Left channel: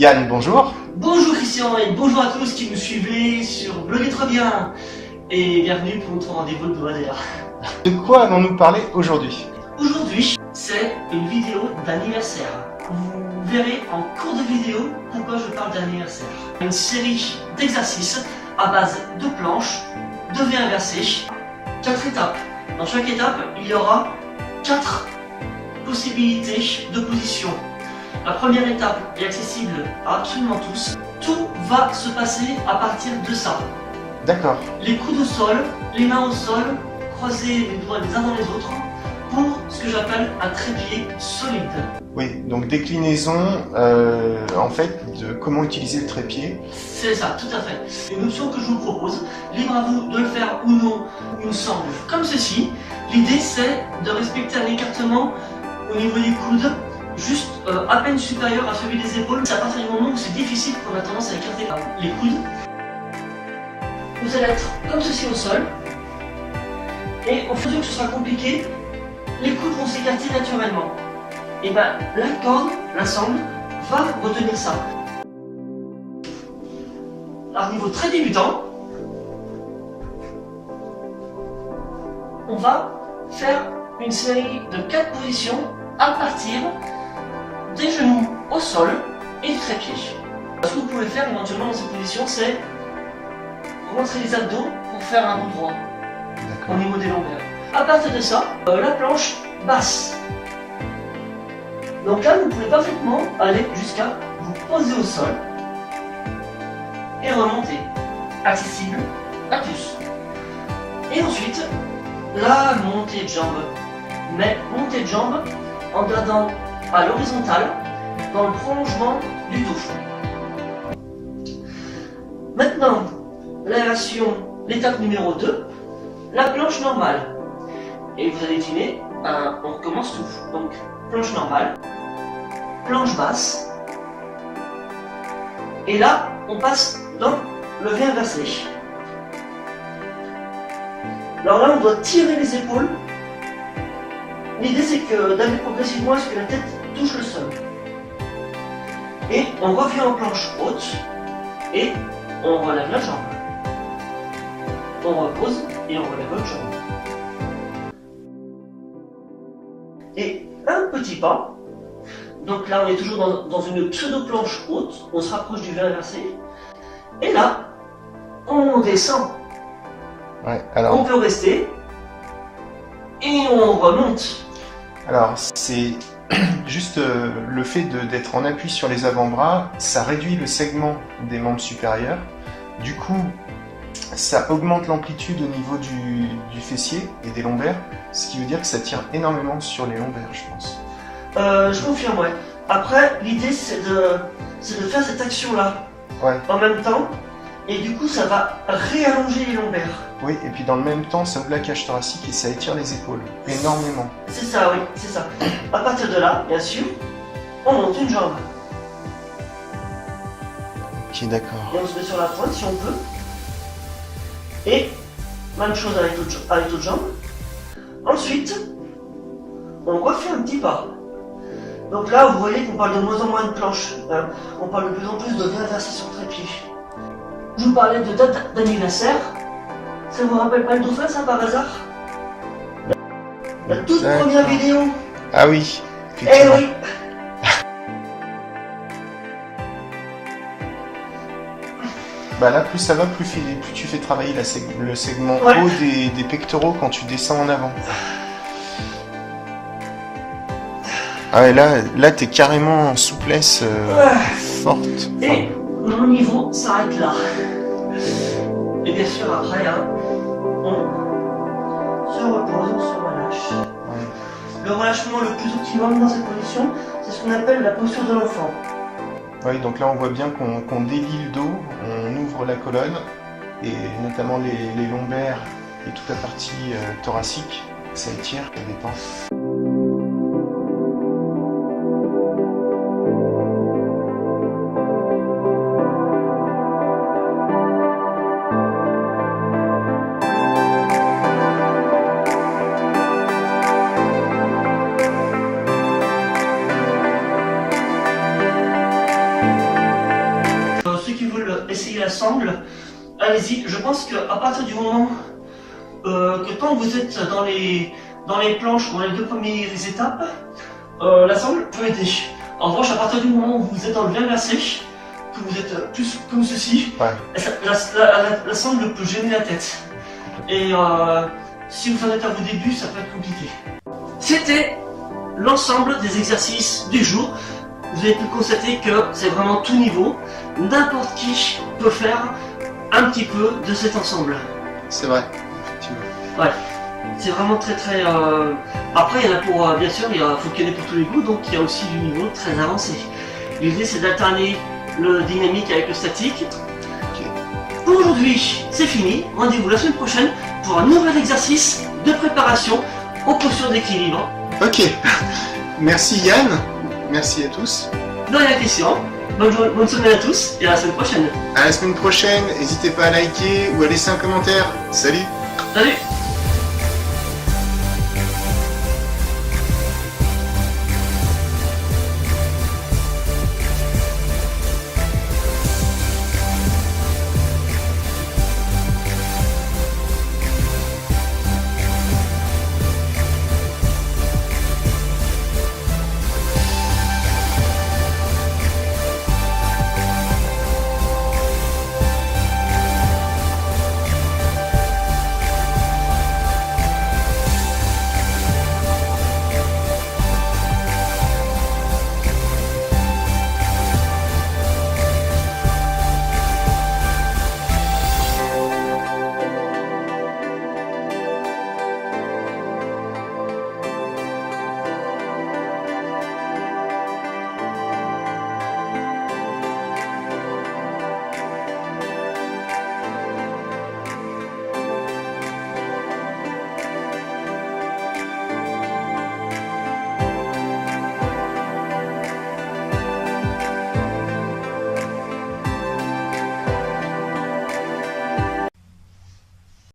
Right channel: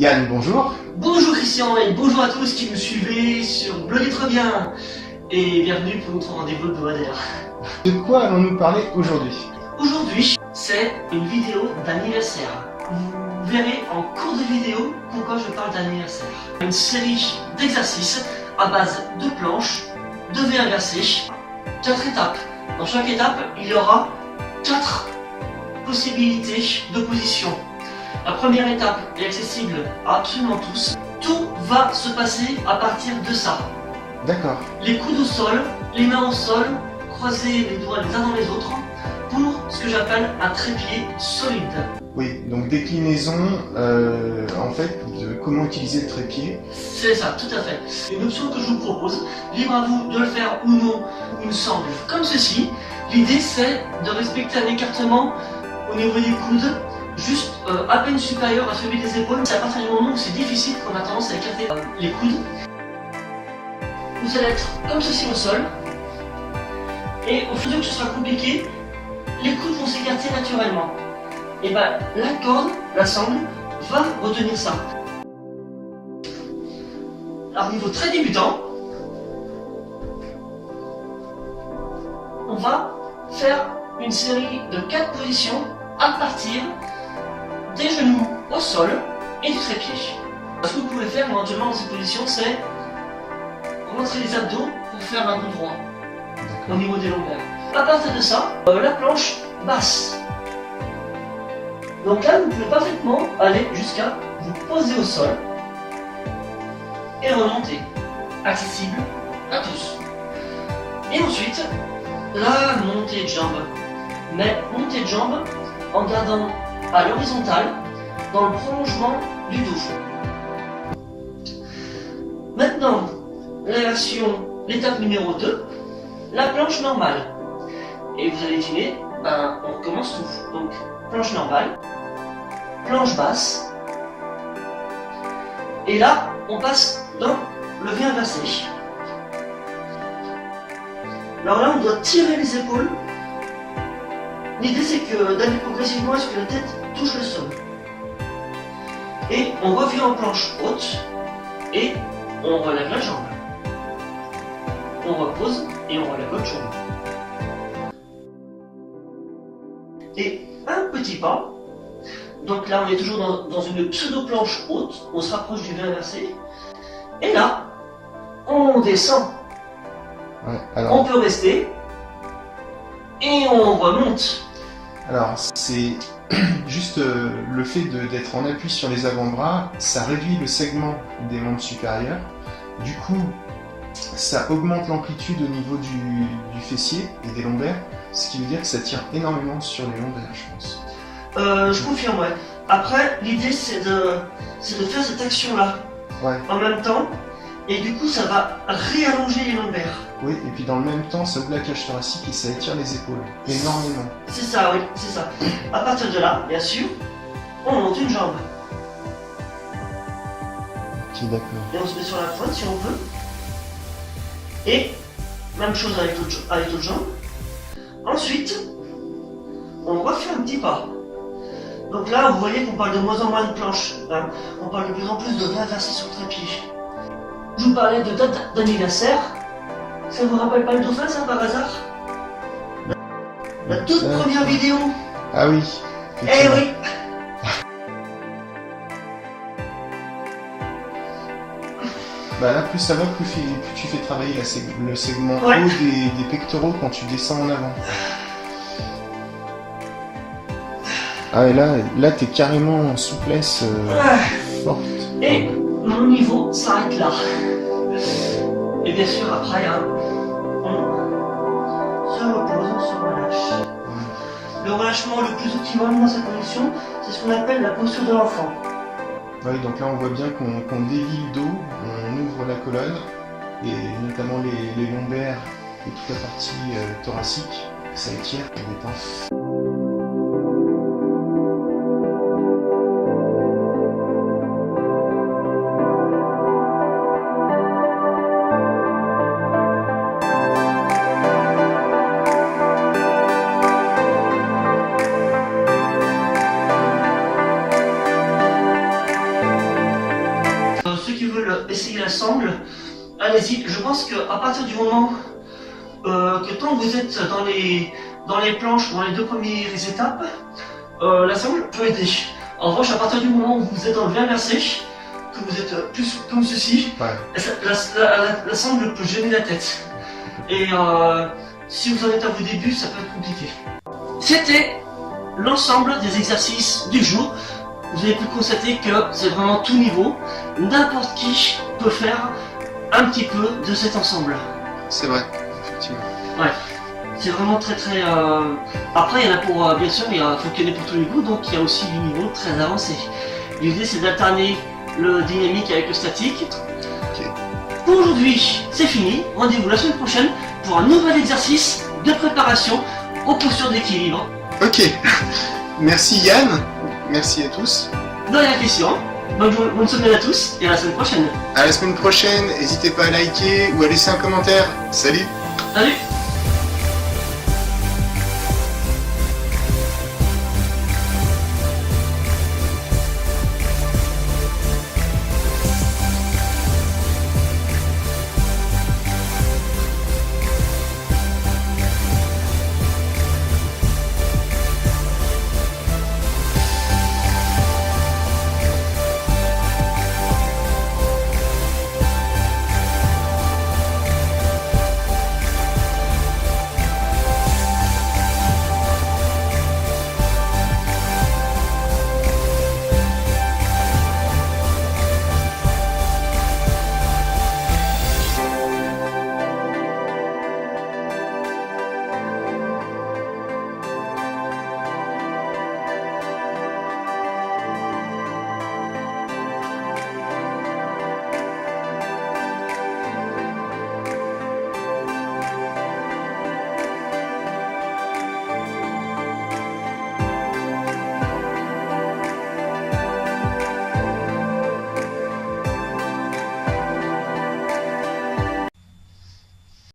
Yann, bonjour. Bonjour Christian et bonjour à tous qui nous suivez sur Blog et Trop Bien. Et bienvenue pour notre rendez-vous hebdomadaire. De quoi allons-nous parler aujourd'hui? Aujourd'hui, c'est une vidéo d'anniversaire. Vous verrez en cours de vidéo pourquoi je parle d'anniversaire. Une série d'exercices à base de planches, de V inversé, 4 étapes. Dans chaque étape, il y aura 4 possibilités de position. La première étape est accessible à absolument tous. Tout va se passer à partir de ça. D'accord. Les coudes au sol, les mains au sol, croiser les doigts les uns dans les autres pour ce que j'appelle un trépied solide. Oui, donc déclinaison en fait de comment utiliser le trépied. C'est ça, tout à fait. Une option que je vous propose, libre à vous de le faire ou non, il me semble, comme ceci. L'idée c'est de respecter un écartement au niveau des coudes, juste à peine supérieur à celui des épaules. C'est à partir du moment où c'est difficile qu'on a tendance à écarter les coudes. Vous allez être comme ceci au sol. Et au fur et à mesure que ce sera compliqué, les coudes vont s'écarter naturellement. Et bien la corde, la sangle, va retenir ça. À niveau très débutant, on va faire une série de 4 positions à partir des genoux au sol et du trépied. Ce que vous pouvez faire éventuellement dans cette position, c'est rentrer les abdos pour faire un dos droit au niveau des lombaires. À partir de ça, la planche basse. Donc là, vous pouvez parfaitement aller jusqu'à vous poser au sol et remonter. Accessible à tous. Et ensuite, la montée de jambes. Mais montée de jambes en gardant à l'horizontale dans le prolongement du dos. Maintenant, la version, l'étape numéro 2, la planche normale. Et vous allez deviner, on recommence tout. Donc, planche normale, planche basse. Et là, on passe dans le V inversé. Alors là, on doit tirer les épaules. L'idée, c'est que d'aller progressivement à ce que la tête touche le sol. Et on revient en planche haute et on relève la jambe. On repose et on relève l'autre jambe. Et un petit pas. Donc là, on est toujours dans une pseudo-planche haute. On se rapproche du V inversé. Et là, on descend. Ouais, alors... On peut rester. Et on remonte. Alors, c'est juste le fait d'être en appui sur les avant-bras, ça réduit le segment des membres supérieurs. Du coup, ça augmente l'amplitude au niveau du fessier et des lombaires, ce qui veut dire que ça tire énormément sur les lombaires, je pense. Je confirme, ouais. Après, l'idée, c'est de faire cette action-là en même temps. Et du coup, ça va réallonger les lombaires. Oui, et puis dans le même temps, ça ouvre la cage thoracique et ça étire les épaules énormément. C'est ça, oui, c'est ça. À partir de là, bien sûr, on monte une jambe. Ok, d'accord. Et on se met sur la pointe si on veut. Et même chose avec l'autre jambe. Ensuite, on refait un petit pas. Donc là, vous voyez qu'on parle de moins en moins de planches. Hein. On parle de plus en plus de V inversé sur trépied. Je vous parlais de date d'anniversaire. Ça vous rappelle pas le dauphin, ça, par hasard? La toute première vidéo. Ah oui. Eh oui. Bah là, plus ça va, plus tu fais travailler le segment haut des pectoraux quand tu descends en avant. Ah ouais, là t'es carrément en souplesse forte. Et mon niveau s'arrête là. Et bien sûr, après, on se repose, on se relâche. Le relâchement le plus optimal dans cette position, c'est ce qu'on appelle la posture de l'enfant. Oui, donc là on voit bien qu'on délie le dos, on ouvre la colonne, et notamment les lombaires et toute la partie thoracique, ça étire et détend. allez-y. Je pense qu'à partir du moment que tant que vous êtes dans les planches, dans les 2 premières étapes, l'ensemble peut aider. En revanche, à partir du moment où vous êtes dans le bien versé, que vous êtes plus comme ceci, l'ensemble peut gêner la tête. Et si vous en êtes à vos débuts, ça peut être compliqué. C'était l'ensemble des exercices du jour. Vous avez pu constater que c'est vraiment tout niveau. N'importe qui peut faire un petit peu de cet ensemble. C'est vrai, effectivement. Ouais, c'est vraiment très. Après, il y en a pour, bien sûr, faut qu'il y en ait pour tous les goûts, donc il y a aussi du niveau très avancé. L'idée, c'est d'alterner le dynamique avec le statique. Okay. Pour aujourd'hui, c'est fini. Rendez-vous la semaine prochaine pour un nouvel exercice de préparation aux postures d'équilibre. Ok, merci Yann, merci à tous. De rien, Christian. Bonne semaine à tous et à la semaine prochaine. À la semaine prochaine, n'hésitez pas à liker ou à laisser un commentaire. Salut! Salut!